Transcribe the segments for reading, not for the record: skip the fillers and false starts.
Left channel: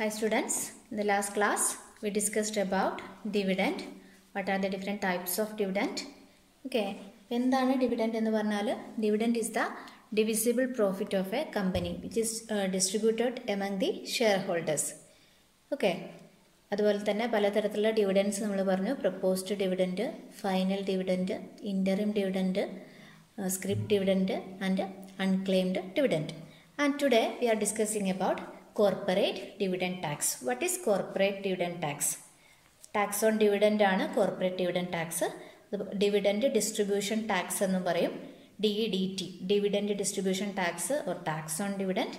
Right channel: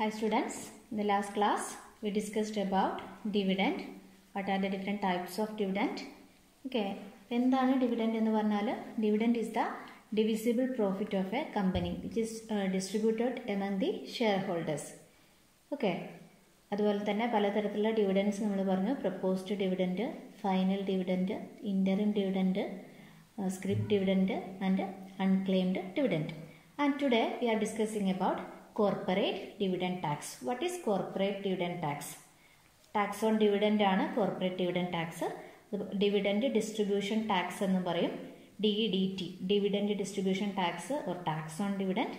Hi students, in the last class we discussed about dividend. What are the different types of dividend? Okay, എന്താണ് dividend എന്ന് പറഞ്ഞാൽ dividend is the divisible profit of a company which is distributed among the shareholders. Okay, അതുപോലെ തന്നെ പലതരത്തിലുള്ള dividends നമ്മൾ പറഞ്ഞു. Proposed dividend, final dividend, interim dividend, script dividend and unclaimed dividend. And today we are discussing about corporate dividend tax. What is corporate dividend tax? Tax on dividend ആണ് corporate dividend tax. Dividend distribution tax എന്നും പറയും. DDT, dividend distribution tax or tax on dividend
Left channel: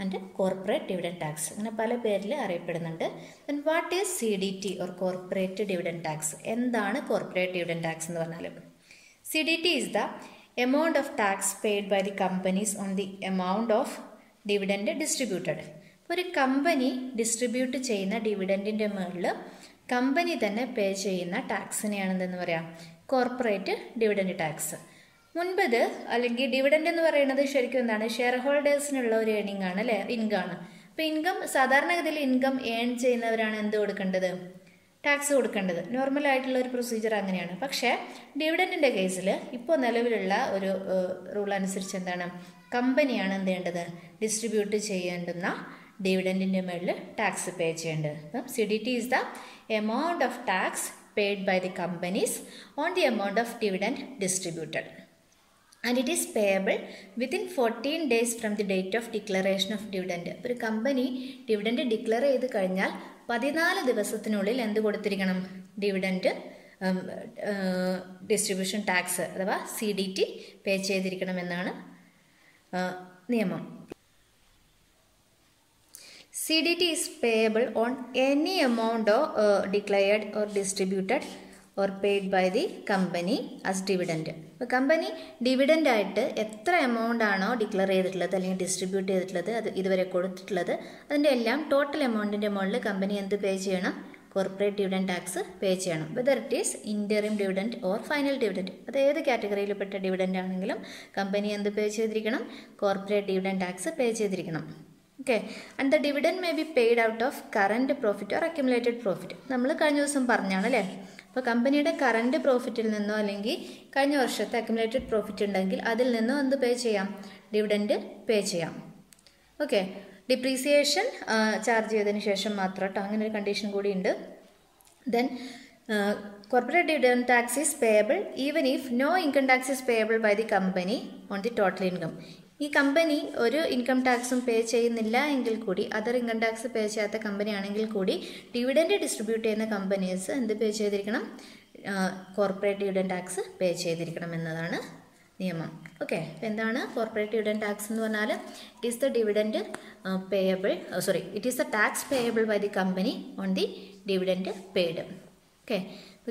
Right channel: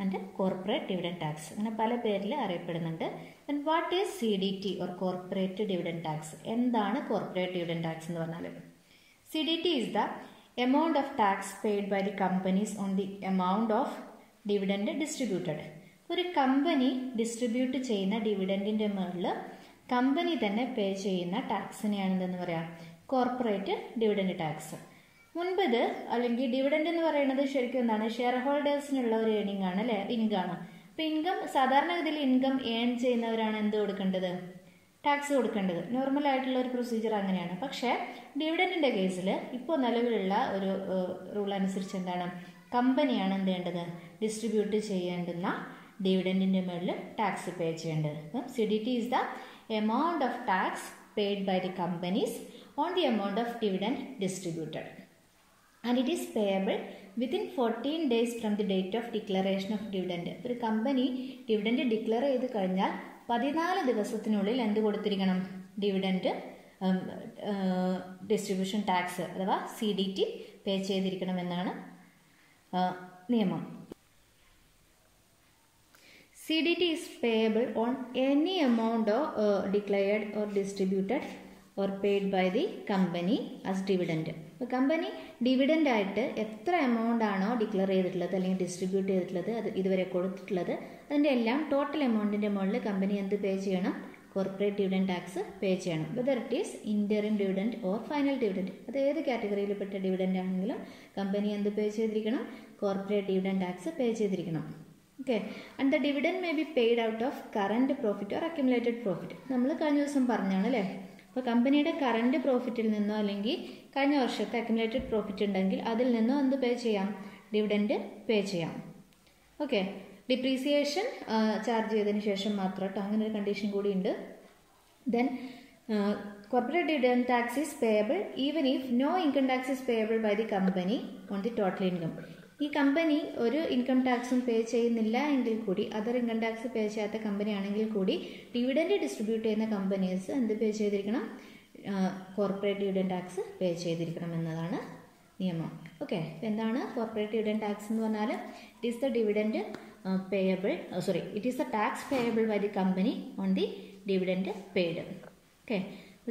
and corporate dividend tax. അങ്ങനെ പല പേരിൽ അറിയപ്പെടുന്നുണ്ട്. Then what is CDT or corporate dividend tax? എന്താണ് corporate dividend tax എന്ന് പറഞ്ഞാൽ? CDT is the amount of tax paid by the companies on the amount of dividend distributed. ഒരു company distribute ചെയ്യുന്ന ഡിവിഡൻഡിൻ്റെ മുകളിൽ കമ്പനി തന്നെ പേ ചെയ്യുന്ന ടാക്സിനെയാണ് എന്തെന്ന് പറയാം, കോർപ്പറേറ്റ് ഡിവിഡൻഡ് ടാക്സ്. മുൻപത് അല്ലെങ്കിൽ ഡിവിഡൻഡ് എന്ന് പറയുന്നത് ശരിക്കും എന്താണ്, ഷെയർ ഹോൾഡേഴ്സിനുള്ള ഒരു ഏണിംഗ് ആണ് അല്ലേ, ഇൻകമാണ്. അപ്പോൾ ഇൻകം സാധാരണഗതിയിൽ ഇൻകം ഏൺ ചെയ്യുന്നവരാണ് എന്ത് കൊടുക്കേണ്ടത്, ടാക്സ് കൊടുക്കേണ്ടത്. നോർമൽ ആയിട്ടുള്ള ഒരു പ്രൊസീജിയർ അങ്ങനെയാണ്. പക്ഷേ ഡിവിഡൻഡിൻ്റെ കേസിൽ ഇപ്പോൾ നിലവിലുള്ള ഒരു റൂൾ അനുസരിച്ച് എന്താണ്, കമ്പനിയാണ് എന്ത് ചെയ്യേണ്ടത്, ഡിസ്ട്രിബ്യൂട്ട് ചെയ്യേണ്ടുന്ന ഡിവിഡൻഡിൻ്റെ മുകളിൽ ടാക്സ് പേ ചെയ്യേണ്ടത്. അപ്പം CDT is the amount of tax paid by the companies on the amount of dividend distributed. And it is payable within 14 days from the date of declaration of dividend. ഒരു company dividend declare ചെയ്ത് കഴിഞ്ഞാൽ 14 ദിവസത്തിനുള്ളിൽ എന്ത് കൊടുത്തിരിക്കണം, dividend distribution tax അഥവാ CDT പേ ചെയ്തിരിക്കണമെന്നാണ് നിയമം. CDT is payable on any amount declared or distributed or paid by the company as dividend. ഇപ്പോൾ company dividend ആയിട്ട് എത്ര എമൗണ്ട് ആണോ ഡിക്ലെയർ ചെയ്തിട്ടുള്ളത് അല്ലെങ്കിൽ ഡിസ്ട്രിബ്യൂട്ട് ചെയ്തിട്ടുള്ളത്, അത് ഇതുവരെ കൊടുത്തിട്ടുള്ളത്, അതിൻ്റെ എല്ലാം ടോട്ടൽ എമൗണ്ടിൻ്റെ മുകളിൽ കമ്പനി എന്ത് പേ ചെയ്യണം, കോർപ്പറേറ്റ് ഡിവിഡൻഡ് ടാക്സ് പേ ചെയ്യണം. Whether it is interim dividend or final dividend, അത് ഏത് കാറ്റഗറിയിൽപ്പെട്ട ഡിവിഡൻഡ് ആണെങ്കിലും കമ്പനി എന്ത് പേ ചെയ്തിരിക്കണം, കോർപ്പറേറ്റ് ഡിവിഡൻഡ് ടാക്സ് പേ ചെയ്തിരിക്കണം. Okay, and the dividend may be paid out of current profit or accumulated profit. നമ്മൾ കഴിഞ്ഞ ദിവസം പറഞ്ഞാണ് അല്ലേ. അപ്പോൾ കമ്പനിയുടെ കറൻറ്റ് പ്രോഫിറ്റിൽ നിന്നോ അല്ലെങ്കിൽ കഴിഞ്ഞ വർഷത്തെ അക്യുമുലേറ്റഡ് പ്രോഫിറ്റ് ഉണ്ടെങ്കിൽ അതിൽ നിന്നോ എന്ത് പേ ചെയ്യാം, ഡിവിഡൻഡ് പേ ചെയ്യാം. ഓക്കെ, ഡിപ്രീസിയേഷൻ ചാർജ് ചെയ്തതിന് ശേഷം മാത്രം കേട്ടോ, അങ്ങനെ ഒരു കണ്ടീഷൻ കൂടി ഉണ്ട്. Then corporate dividend tax is payable even if no income tax is payable by the company on the total income. ഈ കമ്പനി ഒരു ഇൻകം ടാക്സും പേ ചെയ്യുന്നില്ല എങ്കിൽ കൂടി, അതർ ഇൻകം ടാക്സ് പേ ചെയ്യാത്ത കമ്പനി ആണെങ്കിൽ കൂടി ഡിവിഡൻഡ് ഡിസ്ട്രിബ്യൂട്ട് ചെയ്യുന്ന കമ്പനീസ് എന്ത് പേ ചെയ്തിരിക്കണം, കോർപ്പറേറ്റ് ഡിവിഡൻഡ് ടാക്സ് പേ ചെയ്തിരിക്കണം എന്നതാണ് നിയമം. ഓക്കെ, അപ്പോൾ എന്താണ് കോർപ്പറേറ്റ് ഡിവിഡൻഡ് ടാക്സ് എന്ന് പറഞ്ഞാൽ, it is the dividend it is the tax payable by the company on the dividend paid. Okay,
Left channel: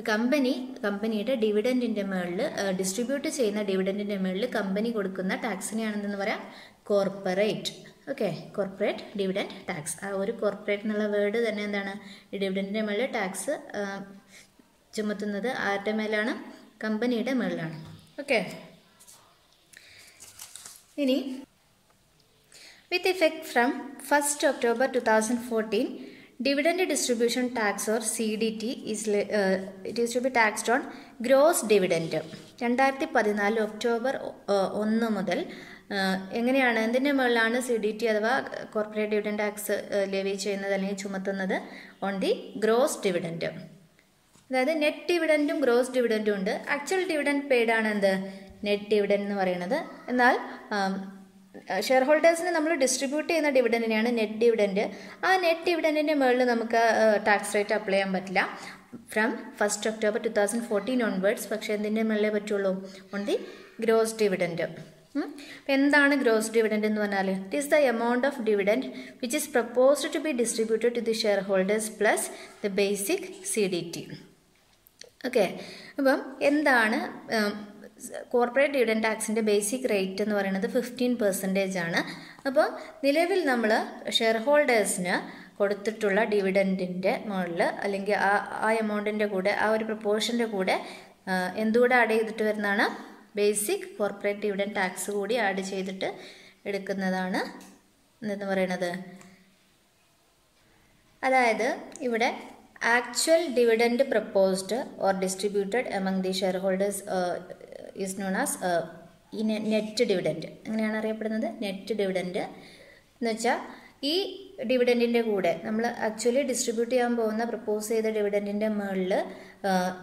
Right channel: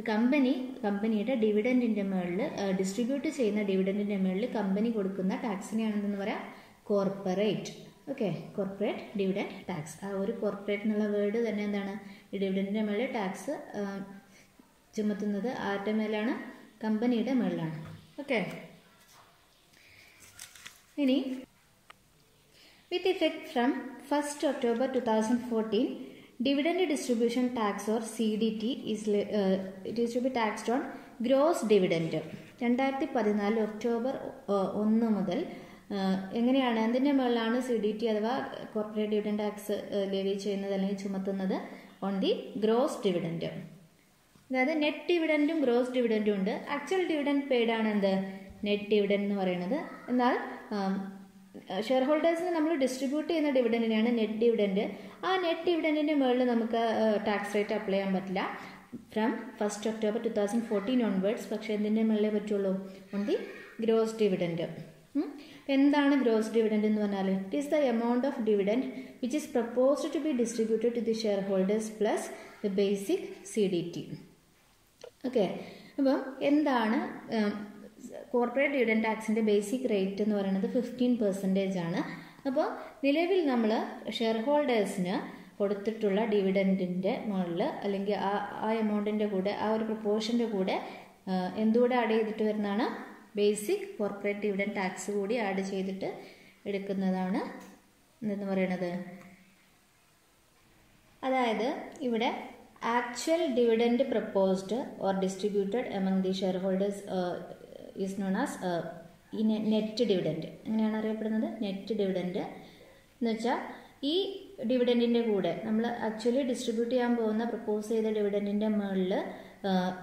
കമ്പനിയുടെ ഡിവിഡൻഡിൻ്റെ മുകളിൽ ഡിസ്ട്രിബ്യൂട്ട് ചെയ്യുന്ന ഡിവിഡൻഡിൻ്റെ മുകളിൽ കമ്പനി കൊടുക്കുന്ന ടാക്സിനെയാണെന്ന് പറയാം corporate. Okay, corporate dividend tax. ആ ഒരു കോർപ്പറേറ്റ് എന്നുള്ള വേർഡ് തന്നെ എന്താണ്, ഈ ഡിവിഡൻഡിൻ്റെ മുകളിൽ ടാക്സ് ചുമത്തുന്നത് ആരുടെ മേലാണ്, കമ്പനിയുടെ മുകളിലാണ്. ഓക്കെ, ഇനി വിത്ത് effect from 1st October 2014 dividend distribution tax or CDT it is to be taxed on gross dividend. 2014 October 1 മുതൽ എങ്ങനെയാണ്, എന്തിൻ്റെ മുകളിലാണ് CDT അഥവാ കോർപ്പറേറ്റ് ഡിവിഡൻഡ് ടാക്സ് ലെവി ചെയ്യുന്നത് അല്ലെങ്കിൽ ചുമത്തുന്നത്, ഓൺ ദി ഗ്രോസ് ഡിവിഡൻഡ്. അതായത് നെറ്റ് ഡിവിഡൻറ്റും ഗ്രോസ് ഡിവിഡൻറ്റും ഉണ്ട്. ആക്ച്വൽ ഡിവിഡൻഡ് പെയ്ഡ് ആണ് എന്ത്, നെറ്റ് ഡിവിഡൻഡ് എന്ന് പറയുന്നത്. എന്നാൽ ഷെയർ ഹോൾഡേഴ്സിന് നമ്മൾ ഡിസ്ട്രിബ്യൂട്ട് ചെയ്യുന്ന ഡിവിഡൻഡിനെയാണ് നെറ്റ് ഡിവിഡൻഡ്. ആ നെറ്റ് ഡിവിഡൻഡിൻ്റെ മുകളിൽ നമുക്ക് ടാക്സ് റേറ്റ് അപ്ലൈ ചെയ്യാൻ പറ്റില്ല ഫ്രം 1st October 2014 ഓൺവേർഡ്സ്. പക്ഷേ എന്തിൻ്റെ മുകളിലേ പറ്റുള്ളൂ, ഓൺ ദി ഗ്രോസ് ഡിവിഡൻഡ്. എന്താണ് ഗ്രോസ് ഡിവിഡൻഡ് എന്ന് പറഞ്ഞാൽ, it is the amount of dividend which is proposed to be distributed to the shareholders plus the basic CDT. Okay, അപ്പം എന്താണ് corporate dividend ടാക്സിൻ്റെ ബേസിക് റേറ്റ് എന്ന് പറയുന്നത് 15% ആണ്. അപ്പോൾ നിലവിൽ നമ്മൾ ഷെയർ ഹോൾഡേഴ്സിന് കൊടുത്തിട്ടുള്ള ഡിവിഡൻഡിൻ്റെ മുകളിൽ അല്ലെങ്കിൽ ആ എമൗണ്ടിൻ്റെ കൂടെ, ആ ഒരു പ്രപ്പോർഷൻ്റെ കൂടെ എന്തുകൂടെ ആഡ് ചെയ്തിട്ട് വരുന്നതാണ്, ബേസിക് കോർപ്പറേറ്റ് ഡിവിഡൻഡ് ടാക്സ് കൂടി ആഡ് ചെയ്തിട്ട് എടുക്കുന്നതാണ് എന്ന് പറയുന്നത് അതായത് ഇവിടെ actual dividend proposed or distributed among the share holders is known as net dividend. അങ്ങനെയാണ് അറിയപ്പെടുന്നത് നെറ്റ് ഡിവിഡൻഡ് എന്ന് വെച്ചാൽ ഈ ഡിവിഡൻറ്റിൻ്റെ കൂടെ നമ്മൾ ആക്ച്വലി ഡിസ്ട്രിബ്യൂട്ട് ചെയ്യാൻ പോകുന്ന പ്രപ്പോസ് ചെയ്ത ഡിവിഡൻറ്റിൻ്റെ മുകളിൽ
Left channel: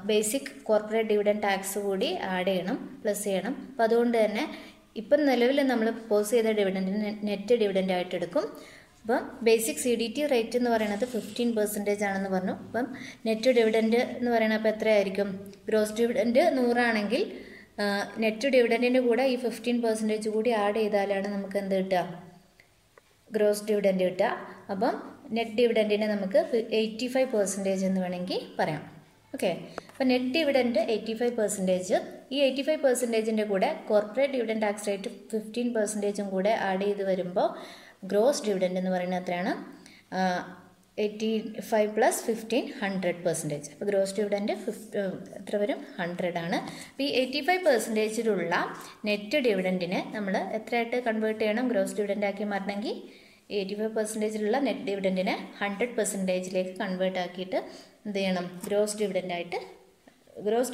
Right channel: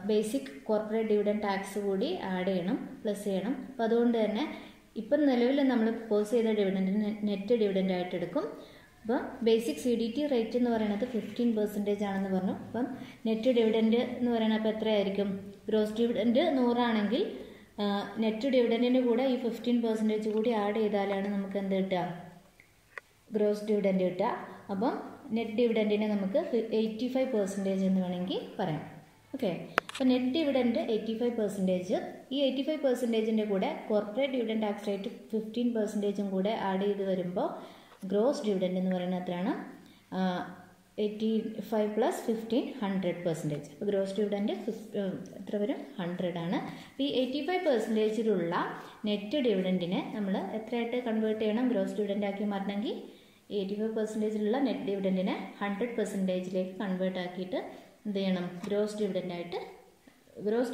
ബേസിക് കോർപ്പറേറ്റ് ഡിവിഡൻഡ് ടാക്സ് കൂടി ആഡ് ചെയ്യണം, പ്ലസ് ചെയ്യണം. അപ്പോൾ അതുകൊണ്ട് തന്നെ ഇപ്പം നിലവിൽ നമ്മൾ പ്രപ്പോസ് ചെയ്ത ഡിവിഡൻറ്റിന് നെറ്റ് ഡിവിഡൻഡ് ആയിട്ട് എടുക്കും. അപ്പം ബേസിക് CDT റേറ്റ് എന്ന് പറയുന്നത് 15% ആണെന്ന് പറഞ്ഞു. അപ്പം നെറ്റ് ഡിവിഡൻഡ് എന്ന് പറയുന്നത് അപ്പോൾ എത്രയായിരിക്കും? ഗ്രോസ് ഡിവിഡൻഡ് 100 ആണെങ്കിൽ നെറ്റ് ഡിവിഡൻറ്റിൻ്റെ കൂടെ ഈ 15% കൂടി ആഡ് ചെയ്താലാണ് നമുക്ക് എന്ത് കിട്ടുക? ഗ്രോസ് ഡിവിഡൻഡ് കിട്ടുക. അപ്പം നെറ്റ് ഡിവിഡൻറ്റിനെ നമുക്ക് 85% എന്ന് വേണമെങ്കിൽ പറയാം. ഓക്കെ, അപ്പോൾ നെറ്റ് ഡിവിഡൻഡ് 85%. ഈ 85%ൻ്റെ കൂടെ കോർപ്പറേറ്റ് ഡിവിഡൻഡ് ടാക്സ് റേറ്റ് 15% കൂടെ ആഡ് ചെയ്ത് വരുമ്പോൾ ഗ്രോസ് ഡിവിഡൻഡ് എന്ന് പറയുന്നത് എത്രയാണ്? 85 + 15 100%. അപ്പോൾ ഗ്രോസ് ഡിവിഡൻഡ് എത്ര വരും? 100 ആണ്. അപ്പോൾ ഈ 85%ലുള്ള നെറ്റ് ഡിവിഡൻറ്റിനെ നമ്മൾ എത്രയായിട്ട് കൺവേർട്ട് ചെയ്യണം? ഗ്രോസ് ഡിവിഡൻഡ് ആക്കി മാറണമെങ്കിൽ 85%ലുള്ള നെറ്റ് ഡിവിഡൻറ്റിനെ 100%ലേക്ക് കൺവേർട്ട് ആക്കിയിട്ട് എന്ത് ചെയ്യണം? ഗ്രോസ്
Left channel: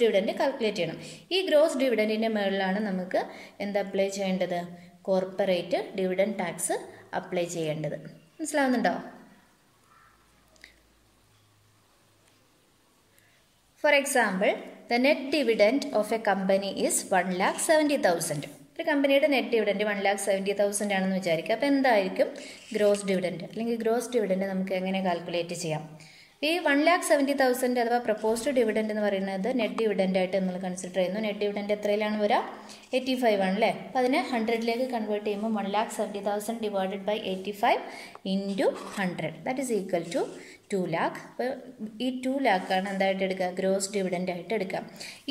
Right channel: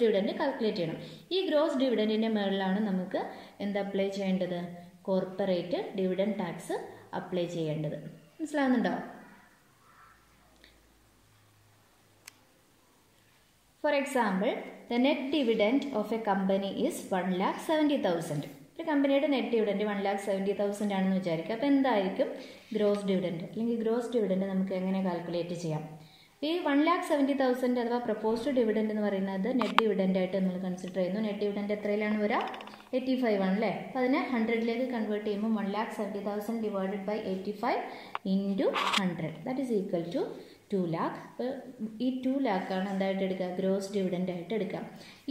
ഡിവിഡൻഡ് കാൽക്കുലേറ്റ് ചെയ്യണം. ഈ ഗ്രോസ് ഡിവിഡൻറ്റിൻ്റെ മുകളിലാണ് നമുക്ക് എന്ത് അപ്ലൈ ചെയ്യേണ്ടത്? കോർപ്പറേറ്റ് ഡിവിഡൻഡ് ടാക്സ് അപ്ലൈ ചെയ്യേണ്ടത്. മനസ്സിലാവുന്നുണ്ടോ? For example, the net dividend of A company is 1,70,000. ഒരു കമ്പനിയുടെ നെറ്റ് ഡിവിഡൻഡ് 1,70,000 ആണെന്ന് വിചാരിക്കുക. അപ്പോൾ എന്തായിരിക്കും ഗ്രോസ് ഡിവിഡൻഡ്? അല്ലെങ്കിൽ ഗ്രോസ് ഡിവിഡൻഡ് നമുക്ക് എങ്ങനെ കാൽക്കുലേറ്റ് ചെയ്യാം? ഈ 1,70,000 അഥവാ പ്രപ്പോസ്ഡ് ഡിവിഡൻഡ് എന്ന് പറയുന്നത് നെറ്റ് ഡിവിഡൻഡ് ആയിട്ട് നമ്മൾ കൺസിഡർ ചെയ്യുന്നു. നെറ്റ് ഡിവിഡൻഡ് എത്രയിലാണ് വരിക? 85 ആണല്ലേ. അപ്പോൾ അതിനെ 100ലേക്ക് കൺവേർട്ട് ചെയ്യുമ്പോൾ 1,70,000 divided by 85 into 100 that is equal to 2 lakh. അപ്പോൾ ഈ 2 lakh ആണ് എന്തായിട്ട് എടുക്കുക? ഗ്രോസ് ഡിവിഡൻഡ് ആയിട്ട് എടുക്കുക.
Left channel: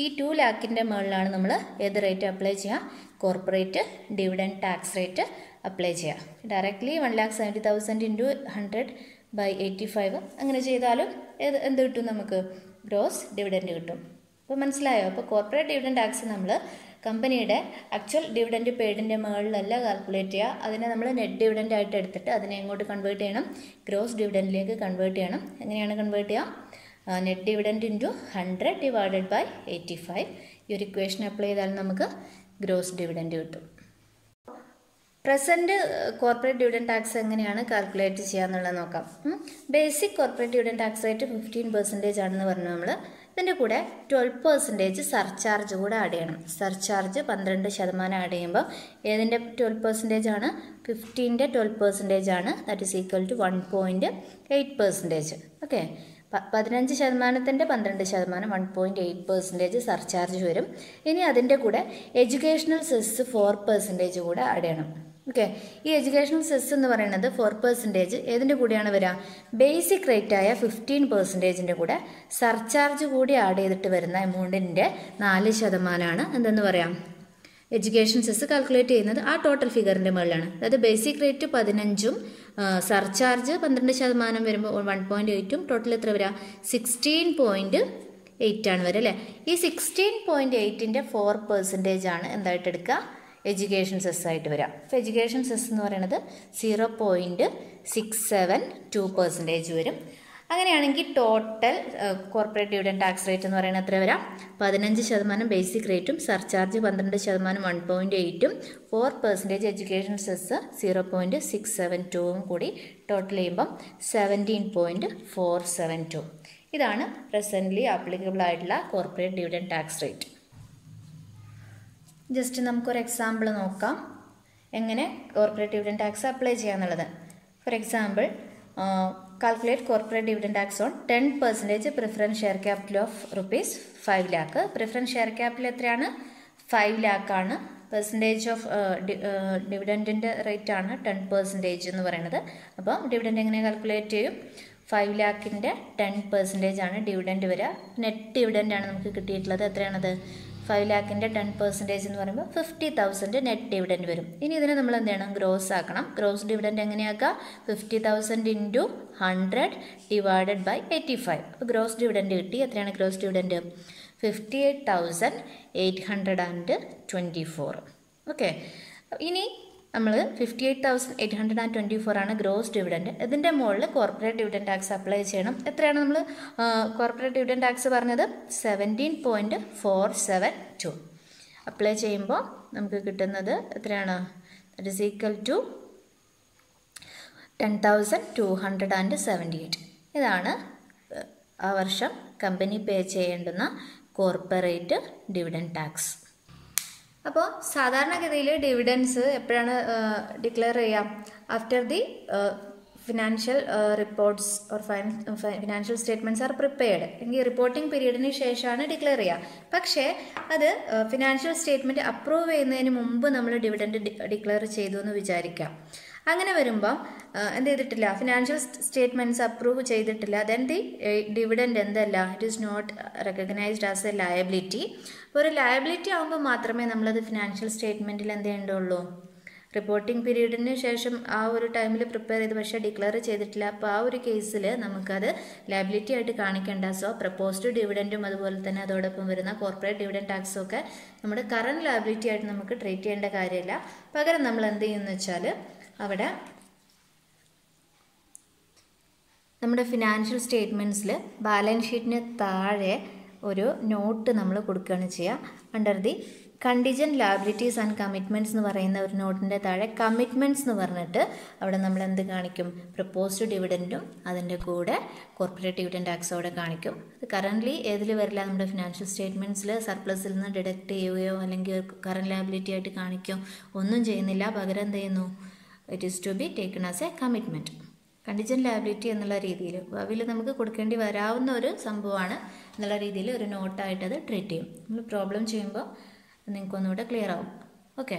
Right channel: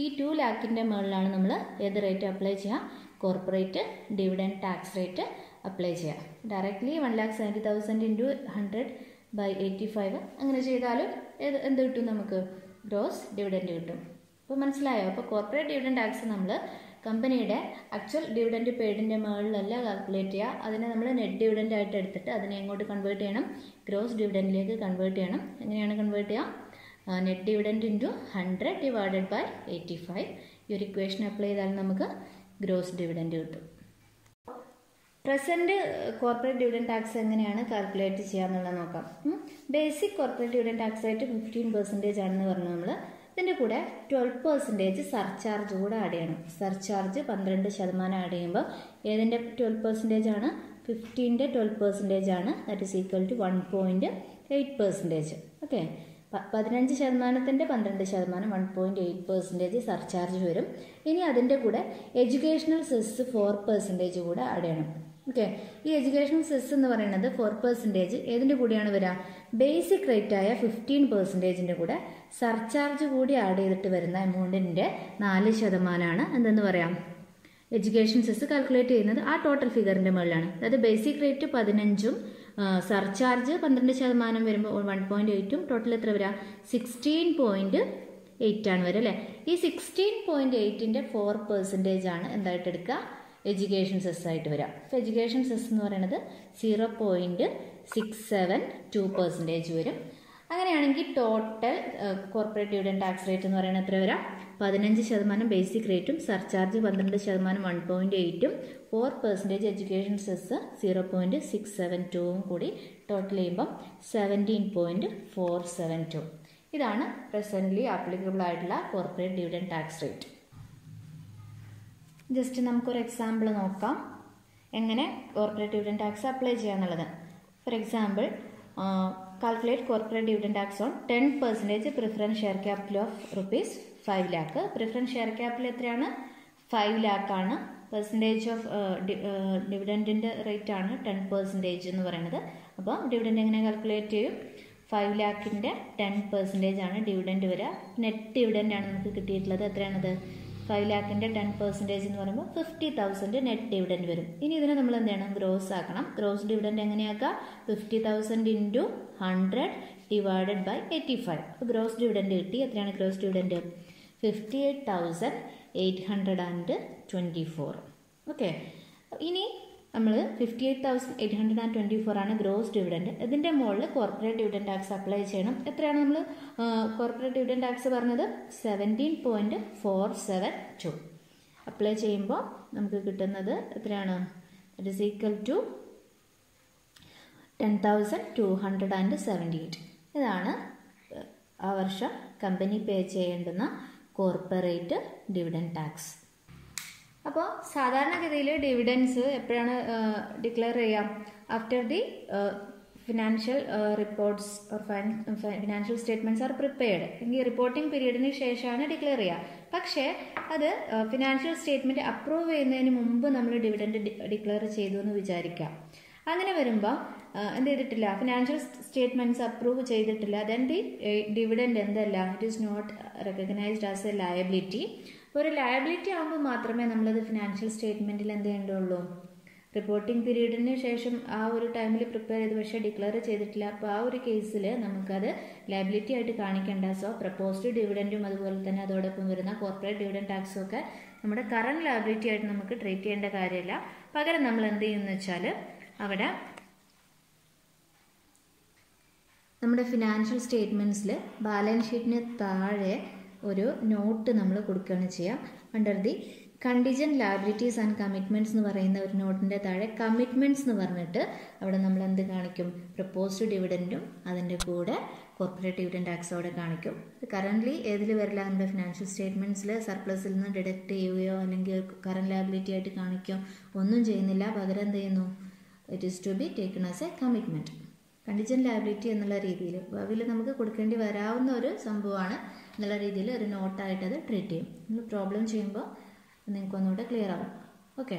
ഈ 2 lakhൻ്റെ മുകളിലാണ് നമ്മൾ ഏത് റേറ്റ് അപ്ലൈ ചെയ്യുക? Corporate dividend tax rate apply ചെയ്യുക. ഡയറക്റ്റ്ലി 1,70,000 ഇൻറ്റു 100 ബൈ 85 അങ്ങനെ ചെയ്താലും എന്ത് കിട്ടും? നമുക്ക് ഗ്രോസ് ഡിവിഡൻഡ് കിട്ടും. അപ്പോൾ മനസ്സിലായോ? അപ്പോൾ കോർപ്പറേറ്റ് ഡിവിഡൻഡ് ടാക്സ് നമ്മൾ കമ്പനിയുടെ ആക്ച്വൽ ഡിവിഡൻഡ് പെയ്ഡിൻ്റെ മുകളിലല്ല കാൽക്കുലേറ്റ് ചെയ്യുക. അതിനെ നമ്മൾ നെറ്റ് ഡിവിഡൻഡ് ആയിട്ട് എടുത്തിട്ട് അതിനെ എങ്ങോട്ട് കൺവേർട്ട് ചെയ്യണം? ഗ്രോസ് ഡിവിഡൻഡിലേക്ക് കൺവേർട്ട് ചെയ്യണം. എങ്ങനെയാണ് കൺവേർട്ട് ചെയ്യുക? Net dividend into 100 divided by 85. ഈ ഒരു ഇക്വേഷൻ അപ്ലൈ ചെയ്താൽ നമുക്ക് ഗ്രോസ് ഡിവിഡൻഡ് കിട്ടും. പ്രസൻറ്റ് കോർപ്പറേറ്റ് ഡിവിഡൻഡ് ടാക്സ് എങ്ങനെയാണ് കാൽക്കുലേറ്റ് ചെയ്യുക എന്നുള്ളത് നോക്കാം. Basic corporate dividend tax rate 15% ആണെന്ന് പറഞ്ഞു നമ്മൾ. ഇതിൻ്റെ കൂടെ 12% സർചാർജ് കൂടെ ആഡ് ചെയ്യണം. സർചാർജ് 12% ആഡ് ചെയ്യുമ്പോൾ ഏതിൻ്റെ 12% ആണ്? 15ൻ്റെ 12% ആണ്. That is equal to 1.8%. Okay, 15%ൻ്റെ 12% 1.8% സർചാർജ് വരും. ഇനി അതിൻ്റെ കൂടെ എഡ്യൂക്കേഷണൽ സെസ് 4% കൂടെ ആഡ് ചെയ്യണം. ഓക്കെ, ഈ എഡ്യൂക്കേഷണൽ സെസ് എന്ന് പറയുന്നത് 4% ഏതിൻ്റെ കൂടെയാണ് വരിക? ബേസിക് റേറ്റായ 15%ൻ്റെ കൂടെ സർചാർജ് കൂടി ആഡ് ചെയ്തിട്ട് വരുന്ന എമൗണ്ടിൻ്റെ 4% എന്തെന്ന് പറയാം? എഡ്യൂക്കേഷൻ സെസ് കാൽക്കുലേറ്റ് ചെയ്യുന്നത് ആ ടോട്ടൽ ഫിഗറിൻ്റെ മുകളിലാണ്. അതായത് ബേസിക് റേറ്റ് 15ഉം സർചാർജ് 12% വരുമ്പോൾ 1.8ഉം ടോട്ടൽ എത്ര വരിക? 16.8 ആണ് വരിക അല്ലേ. ഈ 16.8ൻ്റെ 4% ആണ് എന്തായിട്ട് എടുക്കുക? എഡ്യൂക്കേഷൻ സെസ് ആയിട്ട് വരിക. അപ്പോൾ എഡ്യൂക്കേഷൻ സെസ് എന്ന് പറയുന്നത് 0.672% വരും. അങ്ങനെയാണെങ്കിൽ total corporate dividend tax rate എന്ന് പറയുന്നത് എത്ര വരാം? 15% ബേസിക് റേറ്റും സർചാർജ് 12% 1.8ഉം 4% എഡ്യൂക്കേഷൻ സെസ് 0.672ഉം കൂടി ടോട്ടൽ ചെയ്യുമ്പം 17.472. ഇതാണ് പ്രസൻ്റ്ലി ആപ്ലിക്കബിൾ ആയിട്ടുള്ള corporate dividend tax rate. Just നമുക്കൊരു എക്സാമ്പിൾ നോക്കാം എങ്ങനെ കോർപ്പറേറ്റ് ഡിവിഡൻഡ് ടാക്സ് അപ്ലൈ ചെയ്യാന്നുള്ളത്. For example, calculate corporate dividend tax on 10% preference share capital of ₹5 lakh. Preference share capital എത്രയാണ്? 5 lakh ആണ്. പെർസെൻറ്റേജ് ഓഫ് ഡിവിഡൻറ്റിൻ്റെ റേറ്റ് ആണ് 10% എന്ന് പറയുന്നത്. അപ്പോൾ ഡിവിഡൻറ്റ് എങ്ങനെ കാൽക്കുലേറ്റ് ചെയ്യും? 5 lakhൻ്റെ 10% ആണ് ഡിവിഡൻറ്റ് വരിക. നെറ്റ് ഡിവിഡൻ്റ് ആണ് നമുക്ക് കിട്ടിയിട്ടുള്ളത്. എത്രയാണത്? 5 lakhൻ്റെ 10% എന്ന് പറയുമ്പോൾ 50,000 നെറ്റ് ഡിവിഡൻറ്റ് വരും. ഇനി ഇതിനെ നമ്മൾ എന്ത് ചെയ്യണം? ഗ്രോസ് ആക്കണം. ഗ്രോസ് ഡിവിഡൻറ്റ് എങ്ങനെയാക്കുക? 50,000 ഇൻറ്റു 100 ഡിവൈഡഡ് ബൈ 85. അപ്പോൾ ഗ്രോസ് ഡിവിഡൻറ്റ് കിട്ടി. എത്രയാണ് ഗ്രോസ് ഡിവിഡൻറ്റ്? 58,824. ഓക്കെ, ഇനി നമ്മൾ 58,824 ആണ് ഗ്രോസ് ഡിവിഡൻറ്റ്. ഇതിൻ്റെ മുകളിൽ കോർപ്പറേറ്റ് ഡിവിഡൻറ്റ് ടാക്സ് അപ്ലൈ ചെയ്യണം. എത്രയാണ് നമ്മൾ കോർപ്പറേറ്റ് ഡിവിഡൻറ്റ് ടാക്സ് പറഞ്ഞത്? 17.472. അപ്ലൈ ചെയ്യുമ്പോൾ നമുക്ക് കിട്ടുന്നത് എത്രയാണ്? That is equal to 10,278. ഇതാണ് ആ വർഷം കമ്പനി പേ ചെയ്യേണ്ടുന്ന കോർപ്പറേറ്റ് ഡിവിഡൻറ്റ് ടാക്സ്. അപ്പോൾ സാധാരണഗതിയിൽ ഡിവിഡൻസ് എപ്പോഴാണ് ഡിക്ലെയർ ചെയ്യുക? After the financial reports or financial statements are prepared. എങ്കിൽ റിപ്പോർട്ടിംഗ് പീരീഡിന് ശേഷമാണ് ഡിക്ലെയർ ചെയ്യുക. പക്ഷേ അത് ഫിനാൻഷ്യൽ സ്റ്റേറ്റ്മെൻറ്റ് അപ്രൂവ് ചെയ്യുന്നതിന് മുമ്പ് നമ്മൾ ഡിവിഡൻറ്റ് ഡിക്ലെയർ ചെയ്തു എന്ന് വിചാരിക്കാം. അങ്ങനെ വരുമ്പോൾ എന്ത് ചെയ്തിട്ടില്ല? ഫിനാൻഷ്യൽ സ്റ്റേറ്റ്മെൻറ്റ്സ് അപ്രൂവ് ചെയ്തിട്ടില്ല. ദെൻ ദി ഡിവിഡൻറ്റ് എന്തല്ല? It is not recognised as a liability. അപ്പോൾ ഒരു ലയബിലിറ്റി ആകുമ്പോൾ മാത്രമേ നമ്മളത് ഫിനാൻഷ്യൽ സ്റ്റേറ്റ്മെൻറ്റിൽ എന്ത് ചെയ്യേണ്ടുള്ളൂ? റിപ്പോർട്ടിംഗ് പീരീഡിന് ശേഷം ആ ഒരു ടൈമിൽ പ്രിപ്പയർ ചെയ്ത് പക്ഷേ ഡിക്ലെയർ ചെയ്തിട്ടില്ല. അപ്പോൾ ആ ഒരു കേസിൽ നമുക്കത് ലയബിലിറ്റി ആയിട്ട് കാണിക്കേണ്ട. സോ പ്രപ്പോസ്ഡ് ഡിവിഡൻറ്റും അതുപോലെ തന്നെ അതോടൊപ്പം വരുന്ന കോർപ്പറേറ്റ് ഡിവിഡൻറ്റ് ടാക്സും ഒക്കെ നമ്മുടെ കറണ്ട് ലയബിലിറ്റി ആയിട്ട് നമുക്ക് ട്രീറ്റ് ചെയ്യേണ്ട കാര്യമില്ല. പകരം നമ്മൾ എന്ത് ചെയ്യുമെന്ന് വെച്ചാൽ അവിടെ നമ്മുടെ ഫിനാൻഷ്യൽ സ്റ്റേറ്റ്മെൻറ്റ്സിൽ ബാലൻസ് ഷീറ്റിന് താഴെ ഒരു നോട്ട് നമ്മൾ കൊടുക്കുകയാണ് ചെയ്യുക. Under the contingent liabilities and commitments എന്ന് പറയുന്ന ഒരു നോട്ടിൻ്റെ താഴെ കമ്മിറ്റ്മെൻറ്റ്സ് എന്ന് പറഞ്ഞിട്ട് അവിടെ നമ്മൾ എന്ത് കാണിക്കും? പ്രപ്പോസ്ഡ് ഡിവിഡൻറ്റും അതിൻ്റെ കൂടെ കോർപ്പറേറ്റ് ഡിവിഡൻറ്റ് ടാക്സ് അവിടെ കാണിക്കും. ഇത് കറൻ്റ്ലി ഏതിൽ വരില്ല? നമ്മുടെ ഫിനാൻഷ്യൽ സ്റ്റേറ്റ്മെൻറ്റ്സിൽ സർപ്ലസിൽ നിന്ന് ഡിഡക്റ്റ് ചെയ്യുകയോ അല്ലെങ്കിൽ കറണ്ട് ലയബിലിറ്റി ആയിട്ട് കാണിക്കുകയോ ഒന്നും ചെയ്യുന്നില്ല. പകരം എന്ത് ചെയ്യുന്നു? It is to be taken as a commitment. Contingent liability എന്നുള്ള രീതിയിൽ ഭാവിയിൽ നമുക്ക് കൊടുക്കേണ്ടി വരാവുന്ന ഒരു സംഭവമാണ് എന്നുള്ള രീതിയിൽ ഒരു നോട്ടായിട്ടത് ട്രീറ്റ് ചെയ്യും. നമ്മൾ പ്രോബ്ലം ചെയ്യുമ്പോൾ നിങ്ങൾക്കൊന്നുകൂടെ ക്ലിയർ ആവും. ഓക്കെ.